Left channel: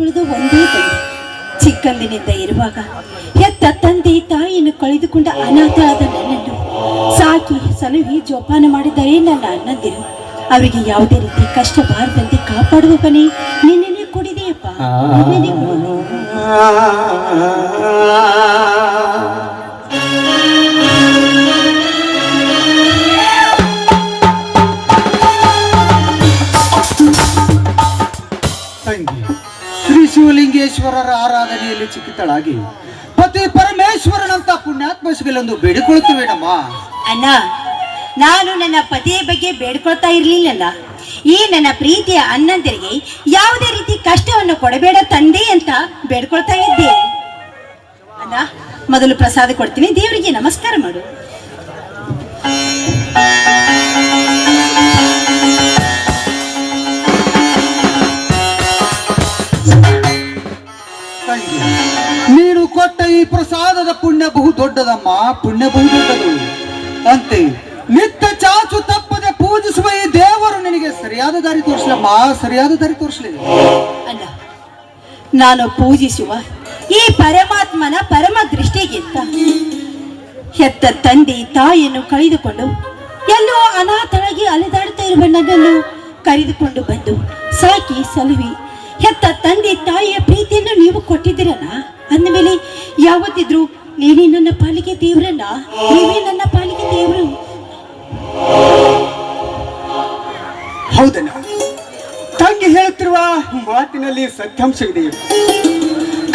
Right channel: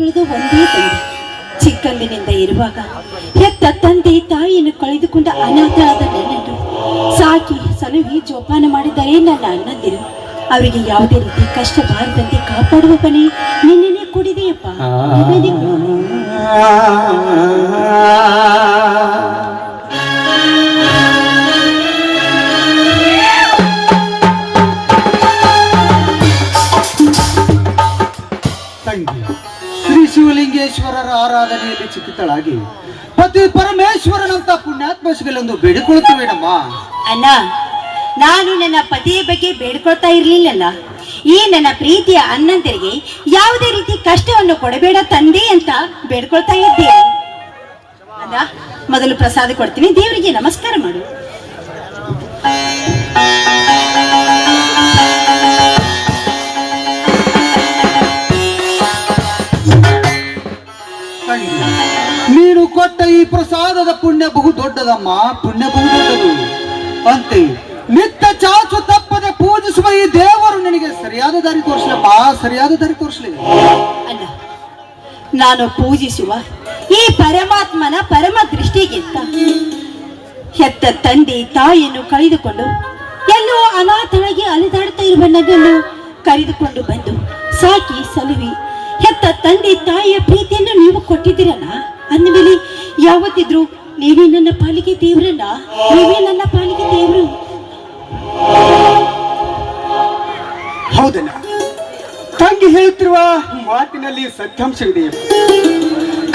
ಉಳಿದು ಒಂದೇ ತಂದೆ. ಚಿಕ್ಕಂದಿನಿಂದ ಇರುವಾಗ ಹೆತ್ತ ತಂದೆ ತಾಯಿಯನ್ನು ಕಳೆದುಕೊಂಡ ಅನಾಥರಾದ ನನ್ನನ್ನು ಸಾಕಿ ಸಲಹಿ ಜೋಪಾನ ಮಾಡಿದ್ದಾರೆ ನನ್ನ ಅಣ್ಣಂದಿರು. ಅವರಿಗೆ ಯಾವುದೇ ರೀತಿ ಕಷ್ಟ ಬಾರದಂತೆ ಕಾಪಾಡುವ ಬಳಿ ನಿನ್ನೆ ಕೊಡಿದೆಯಪ್ಪ. ಶ್ರೀ ಶಿವಲಿಂಗೇಶ್ವರರ ಆರಾಧನೆಯಲ್ಲಿ ಚಿಕ್ಕಿತಳಾಗಿ ಪತಿ ಪರಮೇಶ್ವರನಂತ ಪುಣ್ಯಾತ್ಮ ಸಿಗಲೆಂದು ಬೇಡಿಕೊಳ್ಳುತ್ತೇವೇನಮ್ಮ. ಅಣ್ಣ, ನಾನು ನನ್ನ ಪತಿಯ ಬಗ್ಗೆ ಬೇಡ್ಕೊಳ್ತಾ ಇರ್ಲಿಲ್ಲಲ್ಲ. ಈ ನನ್ನ ಪ್ರೀತಿಯ ಅಣ್ಣಂದಿರಿಗೆ ಯಾವುದೇ ರೀತಿ ಕಷ್ಟವನ್ನು ಕೊಡಬೇಡ ತಂದೆ ಅಂತ ಬೇಡ್ಕೊಳ್ತಾ ಇದ್ದೇನೆ. ಅಣ್ಣ, ಮೊದಲು ಪ್ರಸಾದ ಕೊಡ್ತೀನಿ, ದೇವರಿಗೆ ನಮಸ್ಕಾರ ಮಾಡು. ನೀನು ಕೊಟ್ಟ ಈ ಪ್ರಸಾದದ ಪುಣ್ಯ ಬಹು ದೊಡ್ಡದಮ್ಮ, ಪುಣ್ಯ ಬಹು ದೊಡ್ಡದು. ಅಂತೆ ನಿತ್ಯ ಚಾಚು ತಪ್ಪದೆ ಪೂಜಿಸುವ ಈ ದೇವರು ನಿನಗೆ ಸರಿಯಾದ ದಾರಿ ತೋರಿಸಲಮ್ಮ, ಸರಿಯಾದ ದಾರಿ ತೋರಿಸಲಿ. ಅಣ್ಣ, ನಾನು ಪೂಜಿಸುವ ಈ ಪರಮಾತ್ಮನ ಪರಮ ದೃಷ್ಟಿಗಿಂತ ಹೆತ್ತ ತಂದೆ ತಾಯಿಯನ್ನು ಕಳೆದುಕೊಂಡು ಎಲ್ಲೋ ಅನಾಥಳಾಗಿ ಅಲೆದಾಡ್ತಾ ಇರುವ ನನ್ನನ್ನು ಕರೆದುಕೊಂಡು ಬಂದು ಸಾಕಿ ಸಲುವಿ ಹೆತ್ತ ತಂದೆ ತಾಯಿಯ ಪ್ರೀತಿಯನ್ನು ನೀವು ಕೊಟ್ಟಿದ್ದೀರಣ್ಣ. ಅಂದಮೇಲೆ ಯಾವತ್ತಿದ್ರು ನೀವೇ ನನ್ನ ಪಾಲಿಗೆ ದೇವ್ರಣ್ಣ, ನೀವೇ ನನ್ನ ಪಾಲಿಗೆ ದೇವ್ರು. ಹೌದಣ್ಣ, ತಂಗಿ ಹೇಳುತ್ತಿರುವ ಮಾತಿನಲ್ಲಿ ಸತ್ಯಾಂಶವಿದೆ.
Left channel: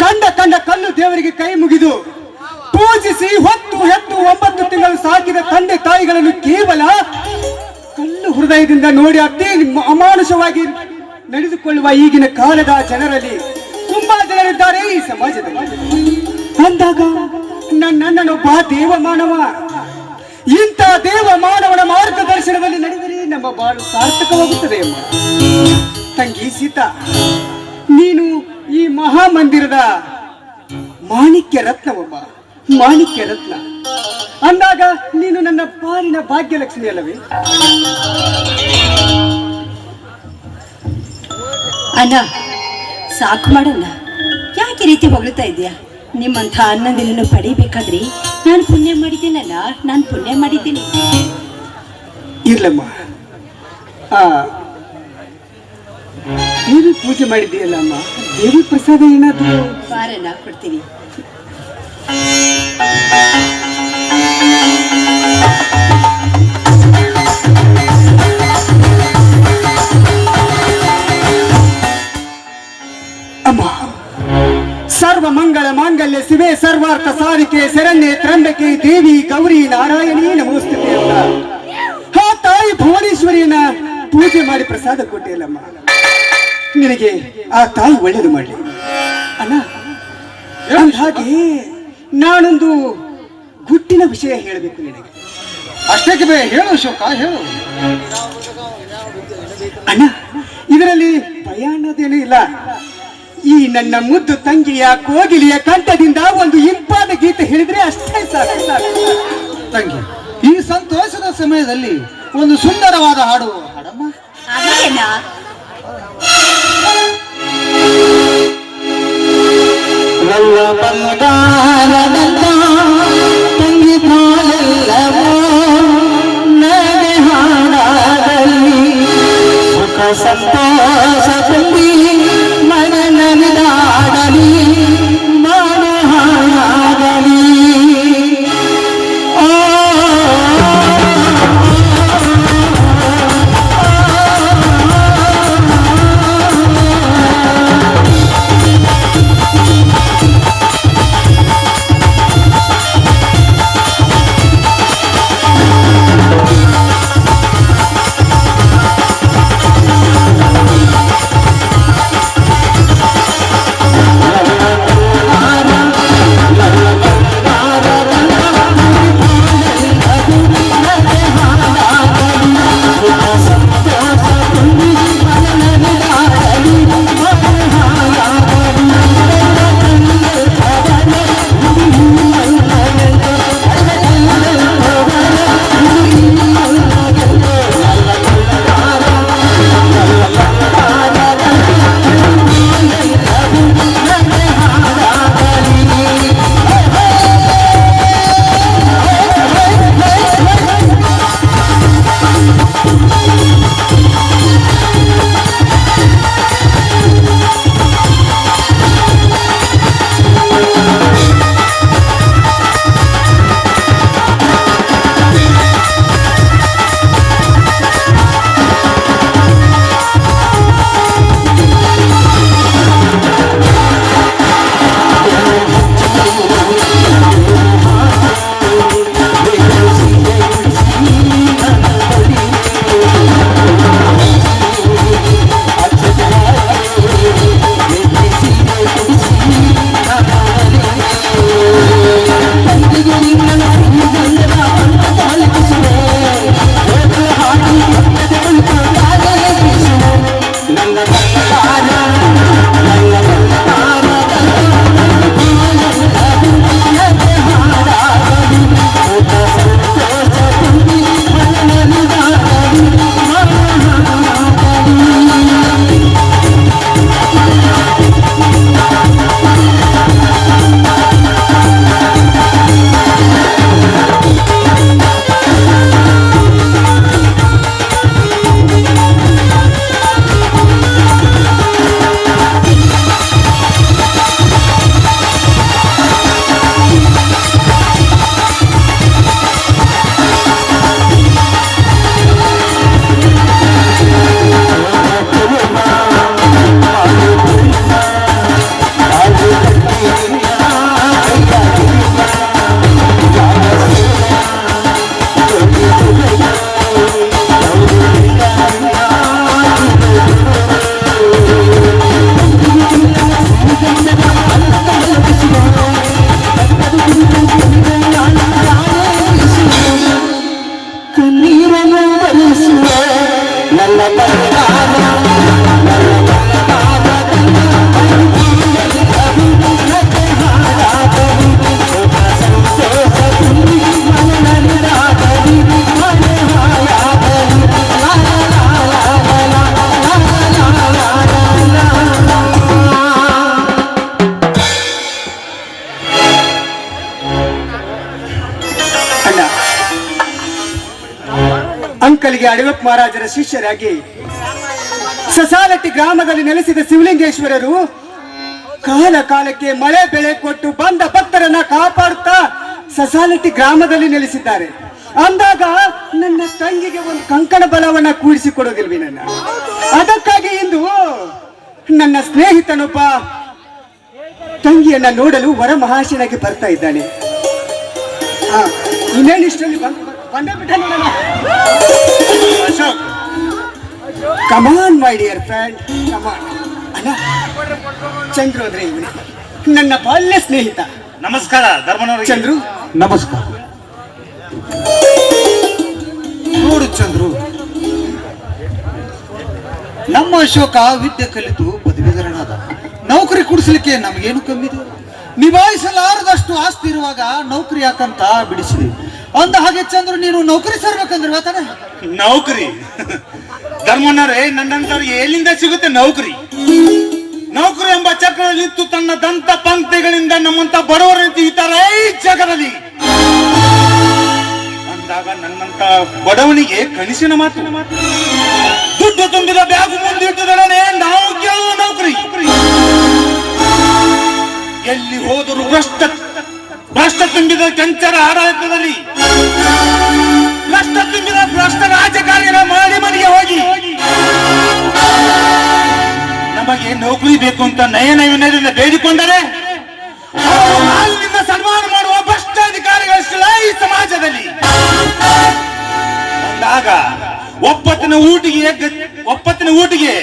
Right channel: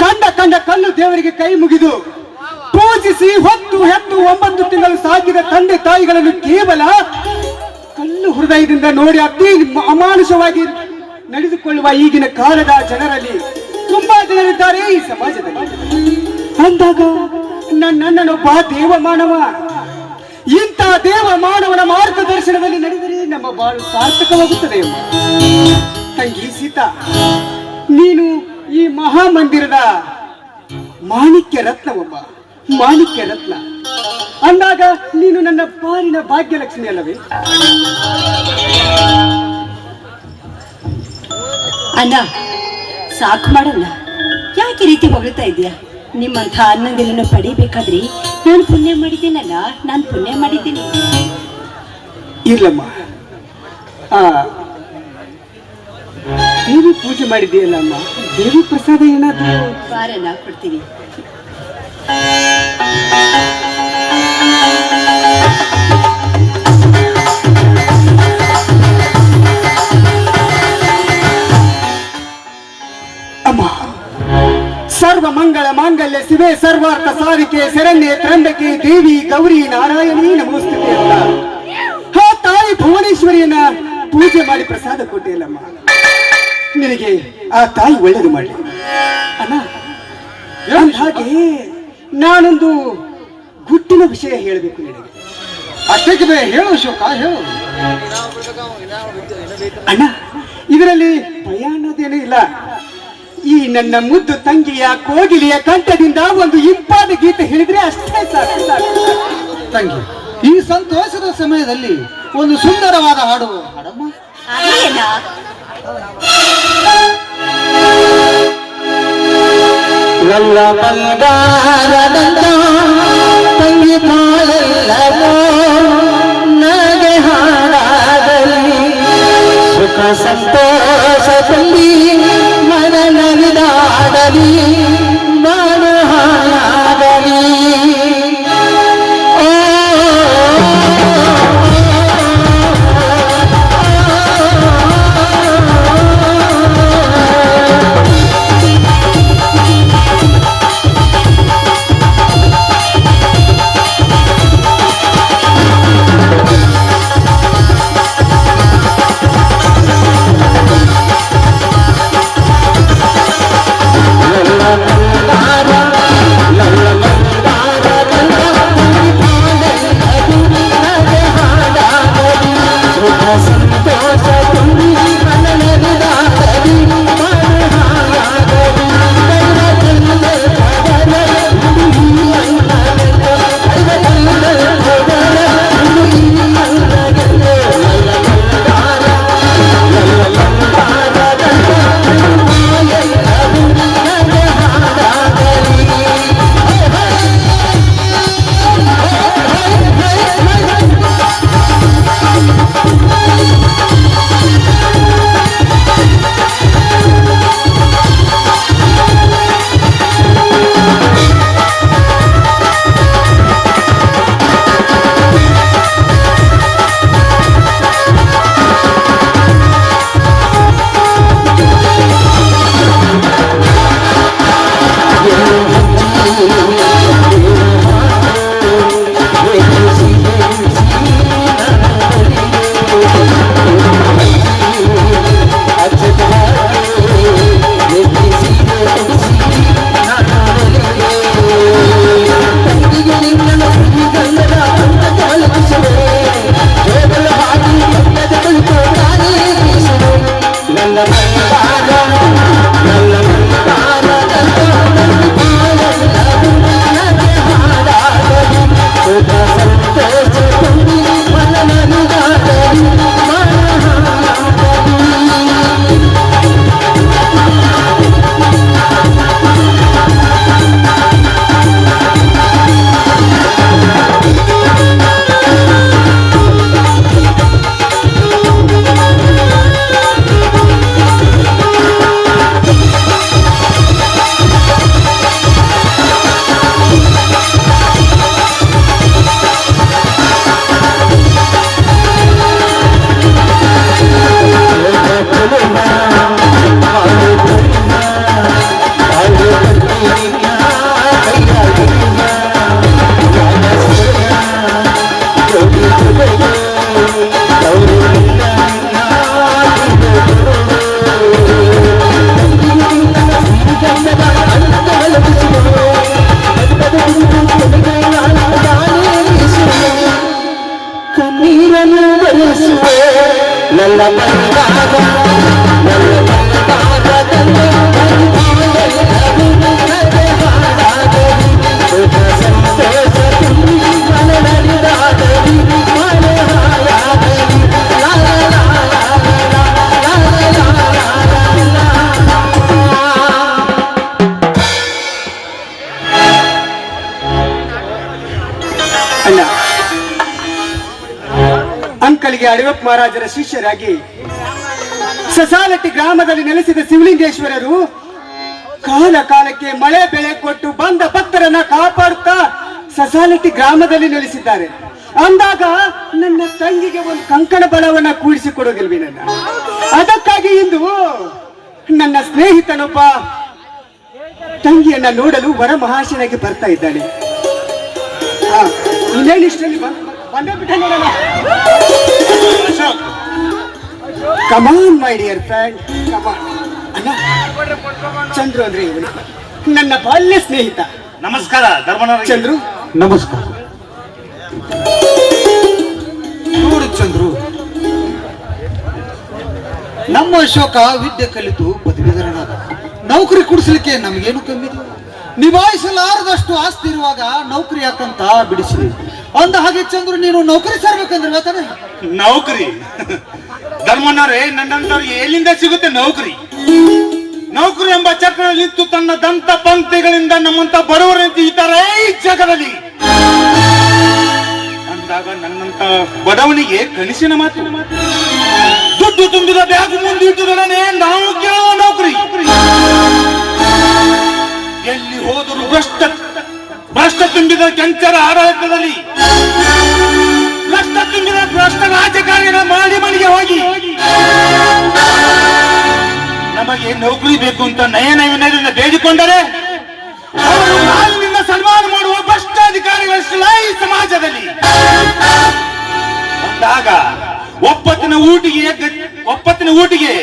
ಕಂಡ ಕಲ್ಲು ದೇವರಿಗೆ ಕೈ ಮುಗಿದು ಪೂಜಿಸಿ ಹೊತ್ತು ಹೆತ್ತು 9 ತಿಂಗಳು ಸಾಕಿದ ತಂದೆ ತಾಯಿಗಳನ್ನು ಕೇವಲ ಕಲ್ಲು ಹೃದಯದಿಂದ ನೋಡಿ ಅತಿ ಅಮಾನುಷವಾಗಿ ನಡೆದುಕೊಳ್ಳುವ ಈಗಿನ ಕಾಲದ ಜನರಲ್ಲಿ ತುಂಬಾ ಜನರಿದ್ದಾರೆ ಈ ಸಮಾಜದಲ್ಲಿ. ಅಂದಾಗ ನನ್ನನ್ನೊಬ್ಬ ದೇವ ಮಾನವ, ಇಂಥ ದೇವ ಮಾನವನ ಮಾರ್ಗದರ್ಶನದಲ್ಲಿ ನಡೆದರೆ ನಮ್ಮ ಬಾಳು ಸಾರ್ಥಕವಾಗುತ್ತದೆ. ತಂಗಿ ಸೀತಾ, ನೀನು ಈ ಮಹಾಮಂದಿರದ ಮಾಣಿಕ್ಯ ರತ್ನವೊಬ್ಬ, ಮಾಣಿಕ್ಯ ರತ್ನ ಅಂದಾಗ ನೀನು ನನ್ನ ಪಾಲಿನ ಭಾಗ್ಯಲಕ್ಷ್ಮಿ ಅಲ್ಲವೇ? ಅಣ್ಣ, ಸಾಕು ಮಾಡೋಣ, ಯಾಕೆ ರೀತಿ ಹೊಗಳ್ತಾ ಇದೆಯಾ? ನಿಮ್ಮಂಥ ಅನ್ನದಿನನ್ನು ಪಡಿಬೇಕಾದ್ರೆ ನಾನು ಪುಣ್ಯ ಮಾಡಿದ್ದೇನಲ್ಲ, ನಾನು ಪುಣ್ಯ ಮಾಡಿದ್ದೀನಿ. ಇರ್ಲಮ್ಮ, ದೇವಿ ಪೂಜೆ ಮಾಡಿದೆಯಲ್ಲ ಅಮ್ಮ, ದೇವಿ ಪ್ರಸಾದ ಏನಾದ್ರು ಬಾರಣ್ಣ, ಕೊಡ್ತೀನಿ. ಸರ್ವ ಮಂಗಳ ಮಾಂಗಲ್ಯ ಶಿವೆ ಸರ್ವಾರ್ಥ ಸಾಧಿಕೆ ಶರಣ್ಯೆ ತ್ರಂಬಕೆ ದೇವಿ ಗೌರಿ ನಾರಾಯಣಿ ನಮೋಸ್ತುತೆ ಅಂತ ಆ ತಾಯಿ ಭುವನೇಶ್ವರಿಯನ್ನ ಪೂಜೆ ಮಾಡಿ ಪ್ರಸಾದ ಕೊಟ್ಟಿಲ್ಲಮ್ಮ. ನಿನಗೆ ಆ ತಾಯಿ ಒಳ್ಳೇದು ಮಾಡಲಿ ಅಲ್ಲ. ಹಾಗೆ ನಾನೊಂದು ಗುಟ್ಟಿನ ವಿಷಯ ಹೇಳಬೇಕು ನಿನಗೆ. ಅಷ್ಟಕ್ಕೆ ಹೇಳು ಶೋಕ, ಹೇಳು ಅಣ್ಣ. ಇದರಲ್ಲಿ ಭಯ ಅನ್ನೋದೇನೂ ಇಲ್ಲ. ಈ ನನ್ನ ಮುದ್ದು ತಂಗಿಯ ಕೋಗಿಲಿಯ ಕಂಠದಿಂದ ಒಂದು ಇಂಪಾದ ಗೀತೆ ಹೇಳಿದ್ರೆ ಅಷ್ಟೇ ಸಾಕು. ತಂಗಿ, ಈ ಸಂತೋಷದ ಸಮಯದಲ್ಲಿ ಒಂದು ಸುಂದರವಾದ ಹಾಡು ಹಾಡಮ್ಮ. ತಂಗಿ ನನಗೆ ಹಾಡಾಗಲಿ ಸುಖ ಸಂತೋಷ ತಂಗಿ ಮನನವಿದಾಡಲಿ ನಾನು ಹಾಡಾಗಲಿ. ಅಣ್ಣ, ಅಂಕಲ್ಗೆ ಅಡವಪ್ಪ ಮಹಾರಾಜರ ಶಿಷ್ಯರಾಗಿ ಸಸಾಲಟ್ಟಿ ಗ್ರಾಮದಲ್ಲಿ ನೆಲೆಸಿದ ಶಿವಲಿಂಗೇಶ್ವರರು ಕಾಲ ಕಾಲಕ್ಕೆ ಮಳೆ ಬೆಳೆ ಕೊಟ್ಟು ಬಂದ ಭಕ್ತರನ್ನ ಕಾಪಾಡುತ್ತಾ ಸಸಾಲಟ್ಟಿ ಗ್ರಾಮದಲ್ಲಿ ನೆಲೆಸಿದ್ದಾರೆ. ಅಂದಾಗ ನನ್ನ ತಂಗಿಗೆ ಒಂದು ಕಂಕಣ ಬಲವನ್ನ ಕೂಡಿಸಿಕೊಡೋದಿಲ್ವಿ ನನ್ನ. ಅದಕ್ಕಾಗಿ ಇಂದು ನನ್ನ ಸ್ನೇಹಿತನೊಬ್ಬ ತಂಗಿಯನ್ನ ನೋಡಲು ವರ ಮಹಾಶನಾಗಿ ಬರ್ತಾ ಇದ್ದಾನೆ. ಇನ್ನೇನು ಇಷ್ಟಲ್ಲಿ ಬಂದೇ ಬಿಟ್ಟ ನೋಡೋಣ. ಕಮಾನ್ ಮೈ ಡಿಯರ್ ಫ್ರೆಂಡ್, ಕಮಾನ್. ಚಂದ್ರು ಅಂದ್ರೆ ಇವನು ನನ್ನ ಬಾಲ್ಯ ಸ್ನೇಹಿತ. ನಮಸ್ಕಾರ ಧರ್ಮನವರಿಗೆ. ಚಂದ್ರು ನಮಸ್ಕಾರ. ನೋಡು ಚಂದ್ರು, ನಮ್ಮ ಅಶೋಕ ವಿದ್ಯೆ ಕಲಿತು ಪದವೀಧರನಾದ. ನೌಕರಿ ಕೊಡಿಸ್ಲಿಕ್ಕೆ ನಮಗೇನು ಕಮ್ಮಿ ಇದೆ? ನಿಭಾಯಿಸಲಾರದಷ್ಟು ಆಸ್ತಿ ಇರುವಾಗ ನೌಕರಿ ಯಾಕಂತ ಬಿಡಿಸಿರಿ. ಅಂದ ಹಾಗೆ ಚಂದ್ರು, ನೀನು ನೌಕರಿ ಸೇರ್ಬೇಕಂದ್ರೆ ವೇತನ ನೌಕರಿ ಧರ್ಮನವರೇ, ನನ್ನಂತವ್ರಿಗೆ ಎಲ್ಲಿಂದ ಸಿಗುತ್ತೆ ನೌಕರಿ? ನೌಕರಿ ಎಂಬ ಚಕ್ರದಲ್ಲಿ ನಿಂತು ತನ್ನ ದಂತ ಪಂಕ್ತಿಗಳಿಂದ ನಮ್ಮಂತ ಬಡವರಂತೆ ಇದ್ದಾರೆ ಈ ಜಗದಲ್ಲಿ. ಅಂದಾಗ ನನ್ನಂತ ಬಡವನಿಗೆ ಕನಸಿನ ಮಾತಿನ ದುಡ್ಡು ತುಂಬಿದ ಬ್ಯಾಗ್ ಮುಂದಿಟ್ಟದೊಡನೆ ನಾವು ಕೇಳುವ ನೌಕರಿ. ಎಲ್ಲಿ ಹೋದರೂ ಭ್ರಷ್ಟ ತುಂಬಿದ ಚಂಚರ ಆಡಳಿತದಲ್ಲಿ ಭ್ರಷ್ಟ ತುಂಬಿದ ಭ್ರಷ್ಟ ರಾಜಕಾರಣ ಮಾಡಿ ಮನೆಗೆ ಹೋಗಿ ನಮಗೆ ನೌಕರಿ ಬೇಕು ಅಂತ ನಯನ ವಿನಯದಿಂದ ಬೇಡಿಕೊಂಡರೆ ನಿನ್ನ ಸನ್ಮಾನ ಮಾಡುವ ಭ್ರಷ್ಟಾಧಿಕಾರಿಗಳಷ್ಟಲ್ಲ ಈ ಸಮಾಜದಲ್ಲಿ. ಅಂದಾಗ ಒಪ್ಪತ್ತಿನ ಊಟಿಗೆ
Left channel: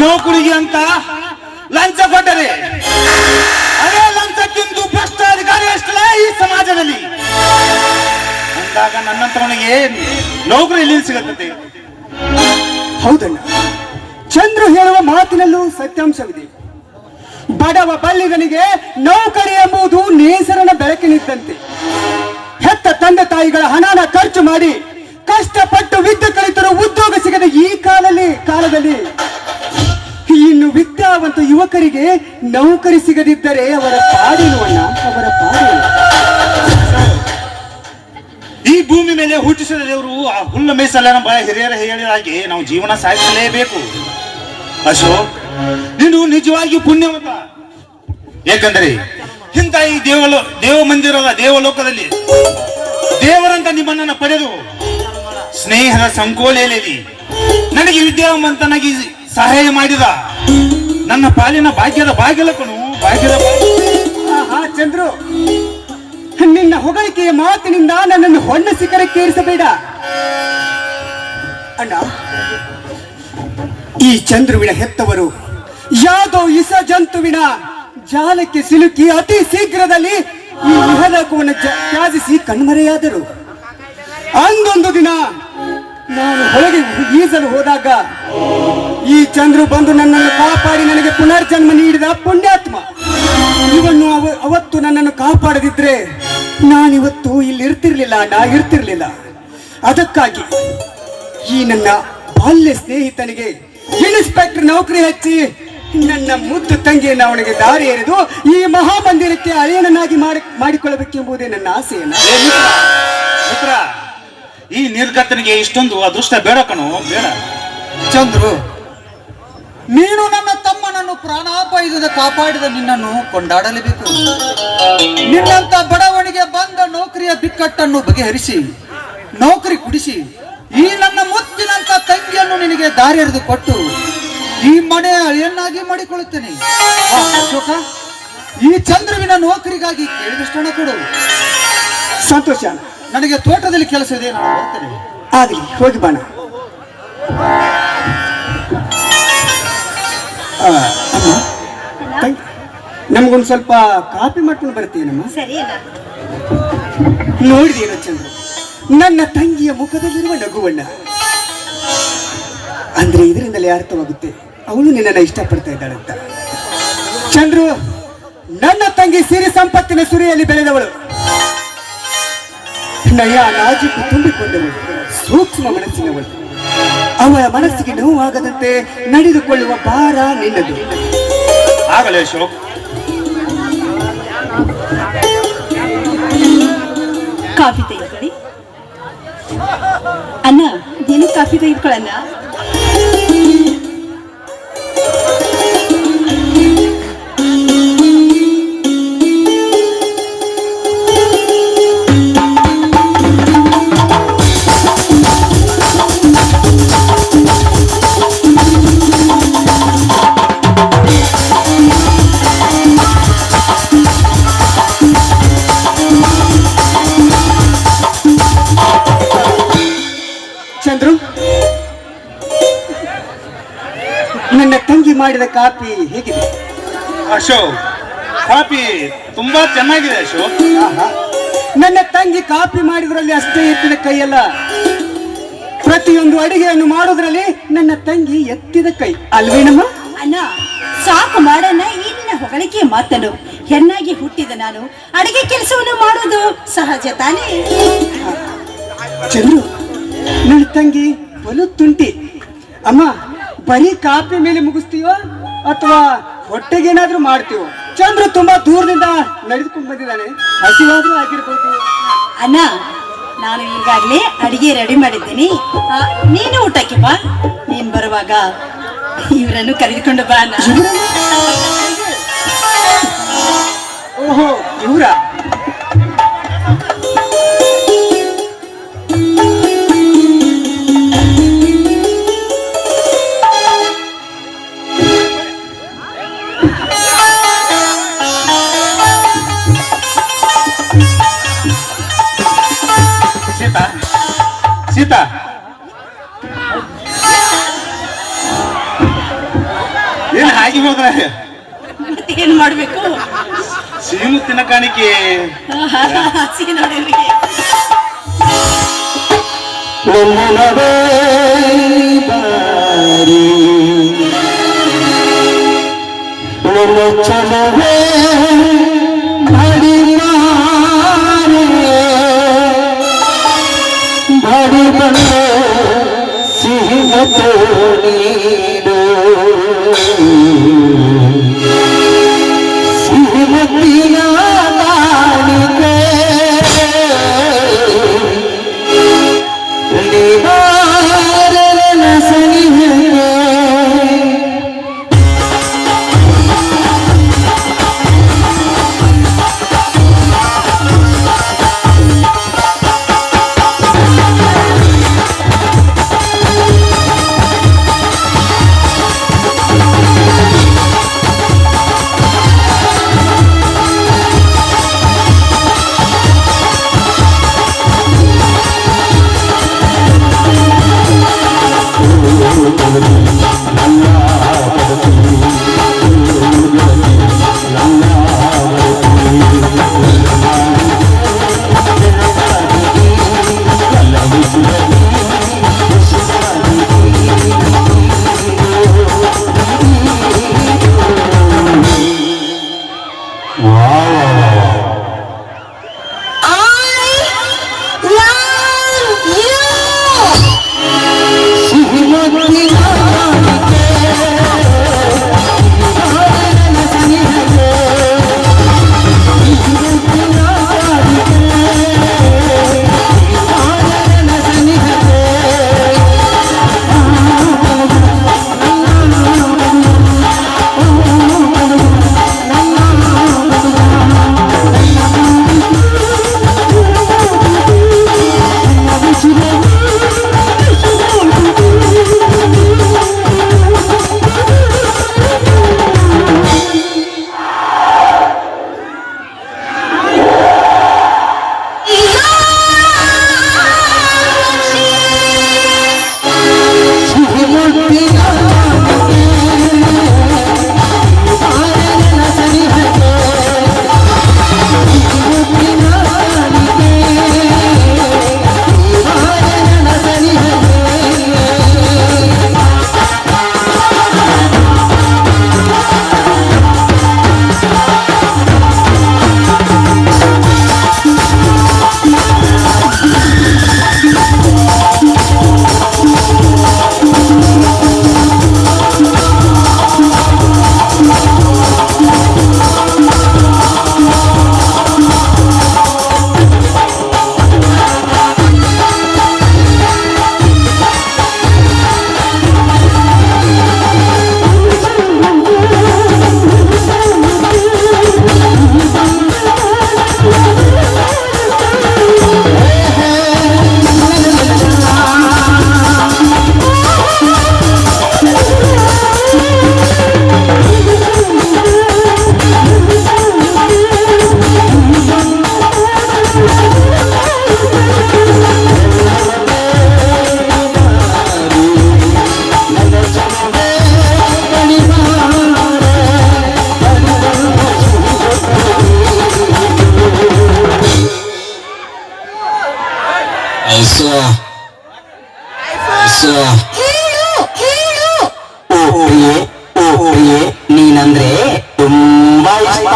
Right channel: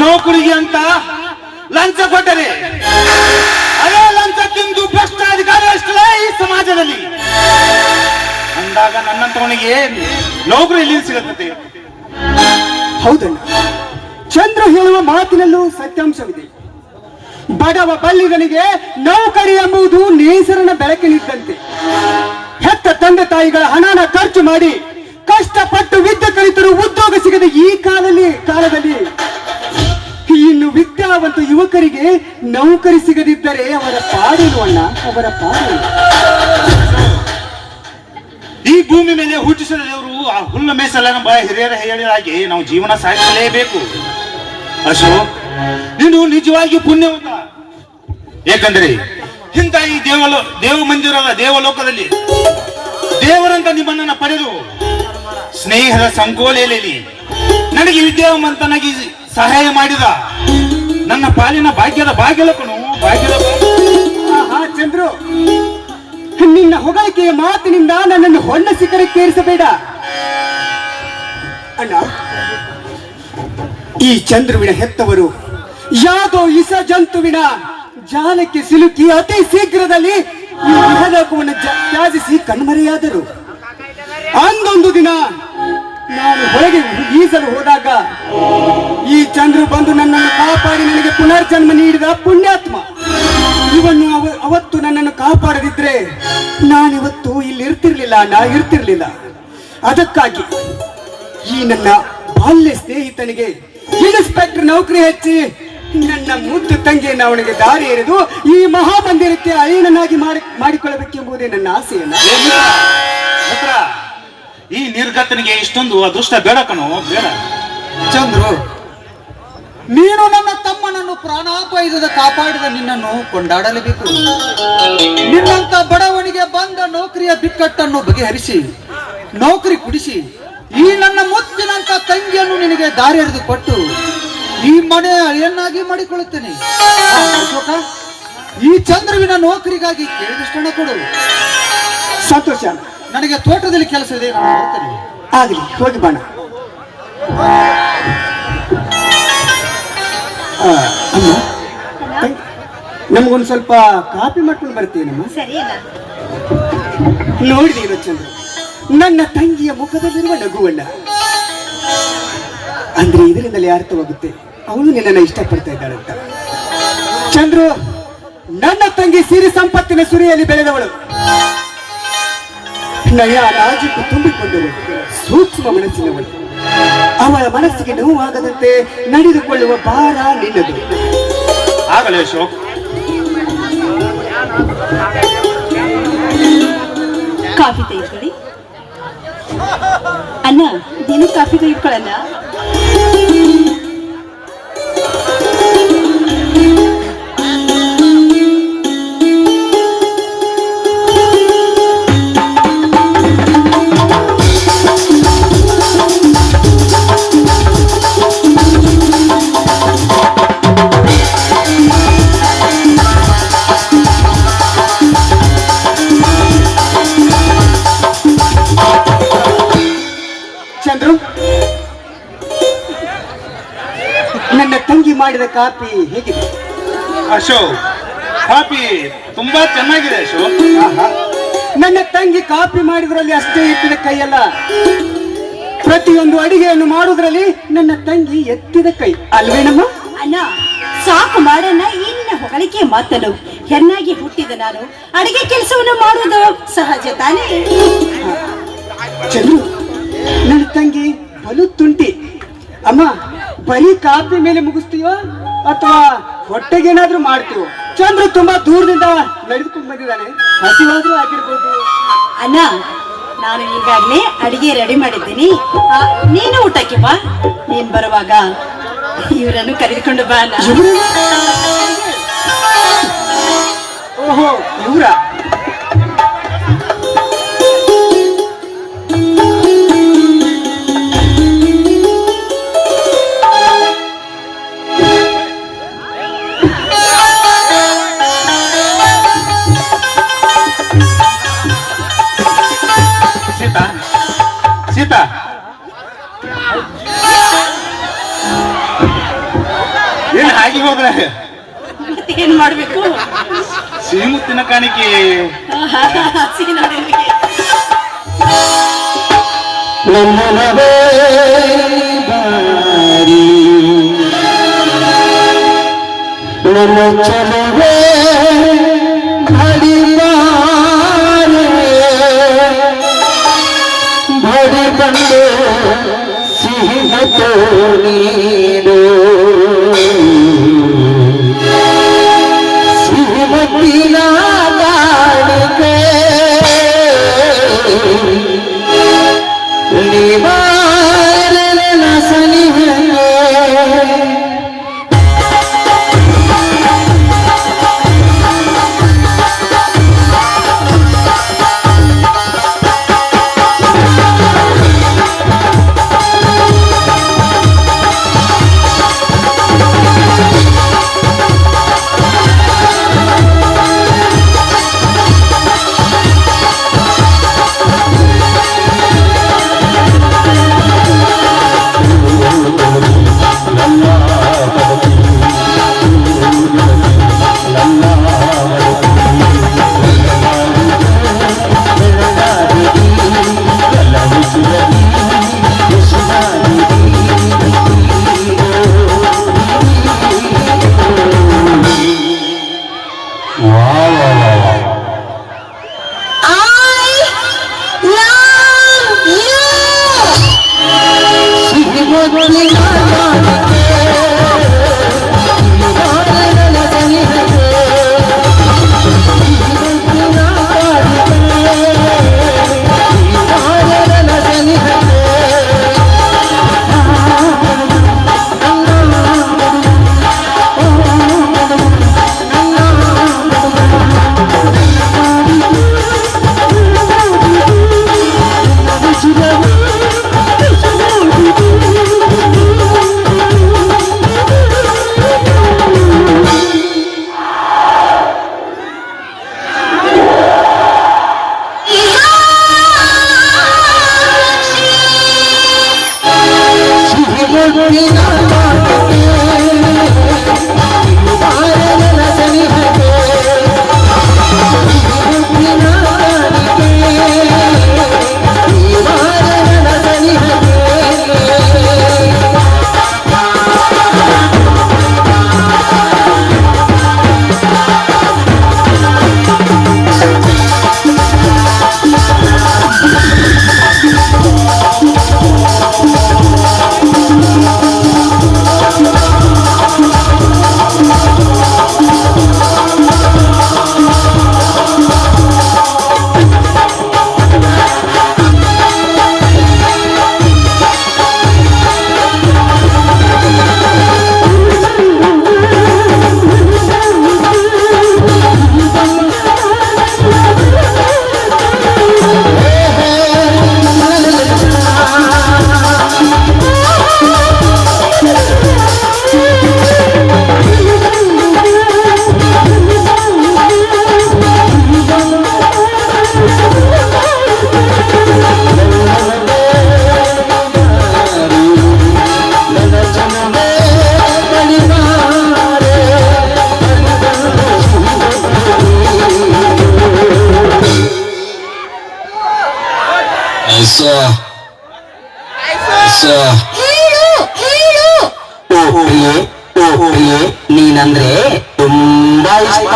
ನೌಕರಿಗೆ ಅಂತ ಲಂಚ ಕೊಟ್ಟರೆ ಅದೇ ಲಂಚ ತಿಂದು ಭ್ರಷ್ಟಾಧಿಕಾರಿ ಅಷ್ಟಲ್ಲ ಈ ಸಮಾಜದಲ್ಲಿ. ಅಂದಾಗ ನನ್ನಂತವನಿಗೆ ನೌಕರಿ ಎಲ್ಲಿ ಸಿಗುತ್ತದೆ? ಹೌದಣ್ಣ, ಚಂದ್ರ ಹೇಳುವ ಮಾತಿನಲ್ಲೂ ಸತ್ಯಾಂಶವಿದೆ. ಬಡವ ಬಲ್ಲಿಗನಿಗೆ ನೌಕರಿ ಎಂಬುದು ನೇಸರನ ಬೆಳಕಿನಿದ್ದಂತೆ. ಹೆತ್ತ ತಂದೆ ತಾಯಿಗಳ ಹಣನ ಖರ್ಚು ಮಾಡಿ ಕಷ್ಟಪಟ್ಟು ವಿದ್ಯೆ ಕಲಿತರು ಉದ್ಯೋಗ ಸಿಗದ ಈ ಕಾಲದಲ್ಲಿ ಇನ್ನು ವಿದ್ಯಾವಂತ ಯುವಕರಿಗೆ ನೌಕರಿ ಸಿಗದಿದ್ದರೆ ಅವರ ಪಾಡೇನು ಅಣ್ಣ, ಅವರ ಪಾಡೇನು? ಈ ಭೂಮಿ ಮೇಲೆ ಹುಟ್ಟಿಸಿದ ದೇವರು ಆ ಹುಲ್ಲು ಮೇಸಲೆನ ಹಿರಿಯರ ಹೇಳಿದ ಹಾಗೆ ನಾವು ಜೀವನ ಸಾಗಿಸಲೇಬೇಕು. ಅಶೋಕ್, ನೀನು ನಿಜವಾಗಿ ಪುಣ್ಯವಂತ. ಏಕೆಂದರೆ ಇಂಥ ಈ ದೇವಲೋಕದಲ್ಲಿ ದೇವರಂತ ನಿಮ್ಮನ್ನ ಪಡೆದು ಸ್ನೇಹದ ಸಂಕೋಲೆಯಲ್ಲಿ ನನಗೆ ವಿದ್ಯಾವಂತನಾಗಿ ಸಹಾಯ ಮಾಡಿದ ನನ್ನ ಪಾಲಿನ ಭಾಗ್ಯದ ಭಾಗ್ಯಲಕನು ಭಾಗ್ಯದ ಚಂದ್ರು, ನಿನ್ನ ಹೊಗಳಿಕೆಯ ಮಾತಿನಿಂದ ನನ್ನನ್ನು ಹೊನ್ನ ಶಿಖರಕ್ಕೆ ಏರಿಸಬೇಡ ಅಣ್ಣ. ಈ ಚಂದ್ರುವಿನ ಹೆತ್ತವರು ಯಾವುದೋ ಇಸ ಜಂತುವಿನ ಜಾಲಕ್ಕೆ ಸಿಲುಕಿ ಅತಿ ಶೀಘ್ರದಲ್ಲಿ ಈ ಇಹಲೋಕವನ್ನು ತ್ಯಾಜಿಸಿ ಕಣ್ಮರೆಯಾದರು. ಅಂದೊಂದು ದಿನ ನಾನು ಹೊರಗೆ ಈಜಲು ಹೋದಾಗ ಈ ಚಂದ್ರು ಬಂದು ನನ್ನನ್ನು ಕಾಪಾಡಿ ನನಗೆ ಪುನರ್ಜನ್ಮ ನೀಡಿದ ಪುಣ್ಯಾತ್ಮ. ಇವನ್ನು ಅವತ್ತು ನನ್ನನ್ನು ಕಾಪಾಡದಿದ್ರೆ ನಾನಿವತ್ತು ಇಲ್ಲಿ ಇರ್ತಿರ್ಲಿಲ್ಲ. ಅದಕ್ಕಾಗಿ ಈ ನನ್ನ ಬಾಲ್ಯ ಸ್ನೇಹಿತನಿಗೆ ಇನ್ಸ್ಪೆಕ್ಟರ್ ನೌಕರಿ ಹಚ್ಚಿ ನನ್ನ ಮುದ್ದು ತಂಗಿಯನ್ನು ಅವನಿಗೆ ದಾರಿ ಎರೆದು ಈ ಮಹಾಮಂದಿರಕ್ಕೆ ಅಳಿಯನನ್ನಾಗಿ ಮಾಡಿಕೊಳ್ಳಬೇಕೆಂಬುದೇ ನನ್ನ ಆಸೆಯನ್ನ. ಮಿತ್ರ, ಈ ನಿರ್ಗತನಿಗೆ ಇಷ್ಟೊಂದು ಅದೃಷ್ಟ ಬೇಡ ಕಣೋ, ಬೇಡ. ಚಂದ್ರು, ನೀನು ನನ್ನ ತಮ್ಮನನ್ನು ಪ್ರಾಣಾಪಾಯದಿಂದ ಕಾಪಾಡಿದ ನಿನ್ನನ್ನು ಕೊಂಡಾಡಲೇಬೇಕು. ನಿನ್ನಂತ ಬಡವನಿಗೆ ಬಂದ ನೌಕರಿಯ ಬಿಕ್ಕಟ್ಟನ್ನು ಬಗೆಹರಿಸಿ ನೌಕರಿ ಕುಡಿಸಿ ಈ ನನ್ನ ಮುತ್ತಿನಂತ ತಂಗಿಯನ್ನು ನಿನಗೆ ದಾರಿ ಎರೆದು ಕೊಟ್ಟು ಈ ಮನೆಯ ಅಳಿಯನ್ನಾಗಿ ಮಾಡಿಕೊಳ್ಳುತ್ತೇನೆ. ಅಶೋಕ, ಈ ಚಂದ್ರುವಿನ ನೌಕರಿಗಾಗಿ ಕೇಳಿದಷ್ಟಣ ಕೊಡು. ಸಂತೋಷ. ನನಗೆ ತೋಟದಲ್ಲಿ ಕೆಲಸ ಇದೆ, ನಾನು ಬರ್ತೇನೆ. ಆಗಲಿ, ಹೋಗಿ ಬಾಣ. ನಮಗೊಂದು ಸ್ವಲ್ಪ ಕಾಫಿ ಮಾಡ್ಕೊಂಡು ಬರ್ತೀವಿ. ಸರಿ ಅಲ್ಲ. ನೋಡಿದೇನು ಚಂದ್ರ, ನನ್ನ ತಂಗಿಯ ಮುಖದಲ್ಲಿರುವ ನಗುವಣ್ಣ. ಅಂದ್ರೆ ಇದರಿಂದಲೇ ಅರ್ಥವಾಗುತ್ತೆ ಅವಳು ನಿನ್ನನ್ನು ಇಷ್ಟಪಡ್ತಾ ಇದ್ದಾಳಂತ. ಚಂದ್ರು, ನನ್ನ ತಂಗಿ ಸಿರಿ ಸಂಪತ್ತಿನ ಸುರಿಯಲ್ಲಿ ಬೆಳೆದವಳು, ನಯ ನಾಜುಕು ತುಂಬಿಕೊಂಡವಳು, ಸೂಕ್ಷ್ಮ ಮನಸ್ಸಿನವಳು. ಅವಳ ಮನಸ್ಸಿಗೆ ನೋವಾಗದಂತೆ ನಡೆದುಕೊಳ್ಳುವ ಭಾರ ನಿನ್ನದು. ಆಗಲೇ ಅಶೋಕ್. ಕಾಫಿ ತೆಗೆದುಕೊಳ್ಳಿ ಅಣ್ಣ. ನೀನು ಕಾಫಿ ತೆಗೆದುಕೊಳ್ಳಲ್ಲ? ಚಂದ್ರು, ನನ್ನ ತಂಗಿ ಮಾಡಿದ ಕಾಫಿ ಹೇಗಿದೆ? ಅಶೋಕ್, ಕಾಫಿ ತುಂಬಾ ಚೆನ್ನಾಗಿದೆ ಅಶೋಕ್. ಆಹಾ. ನನ್ನ ತಂಗಿ ಕಾಫಿ ಮಾಡಿದ್ರಲ್ಲಿ ಅಷ್ಟೇ ಎತ್ತಿದ ಕೈಯಲ್ಲ, ಪ್ರತಿಯೊಂದು ಅಡಿಗೆಯನ್ನು ಮಾಡುವುದರಲ್ಲಿ ನನ್ನ ತಂಗಿ ಎತ್ತಿದ ಕೈ ಅಲ್ವೇನಮ್ಮ? ಅಣ್ಣ ಸಾಕು ಮಾಡಣ್ಣ. ಈ ನಿನ್ನ ಹೊಗಳಿಕೆ ಮಾತನು. ಹೆಣ್ಣಾಗಿ ಹುಟ್ಟಿದ ನಾನು ಅಡಿಗೆ ಕೆಲಸವನ್ನು ಮಾಡುವುದು ಸಹಜ ತಾನೇ? ಚಂದ್ರು, ನನ್ನ ತಂಗಿ ಬಲು ತುಂಟಿ. ಅಮ್ಮ, ಬರೀ ಕಾಫಿ ಮೇಲೆ ಮುಗಿಸ್ತೀವೋ ಅಥವಾ ಹೊಟ್ಟೆಗೇನಾದ್ರೂ ಮಾಡ್ತೀವೋ? ಚಂದ್ರು ತುಂಬಾ ದೂರದಿಂದ ನಡೆದುಕೊಂಡು ಬಂದಿದ್ದಾನೆ, ಹಸಿವಾದ್ರೂ ಆಗಿರ್ಬೋದು. ಅಣ್ಣ, ನಾನು ಈಗಾಗ್ಲೇ ಅಡಿಗೆ ರೆಡಿ ಮಾಡಿದ್ದೀನಿ. ನೀನು ಊಟಕ್ಕೆ ಬಾ. ನೀನ್ ಬರುವಾಗ ಇವರನ್ನು ಕರೆದುಕೊಂಡು ಬಾ ಅಣ್ಣ. ಓಹೋ, ಇವರ ಸೀತಾ, ಸೀತಾ, ಏನ್ ಹಾಗೆ ಹೋದ್ರೆ ಏನ್ ಮಾಡ್ಬೇಕು? ಸಿಹಿ ಮುತ್ತಿನ ಕಾಣಿಕೆ. ಹಸಿಗೆ ನೋಡಿ. ನೀನಂದ್ರೆ ತುಂಬಾ ಇಷ್ಟ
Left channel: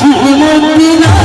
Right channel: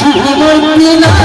Sri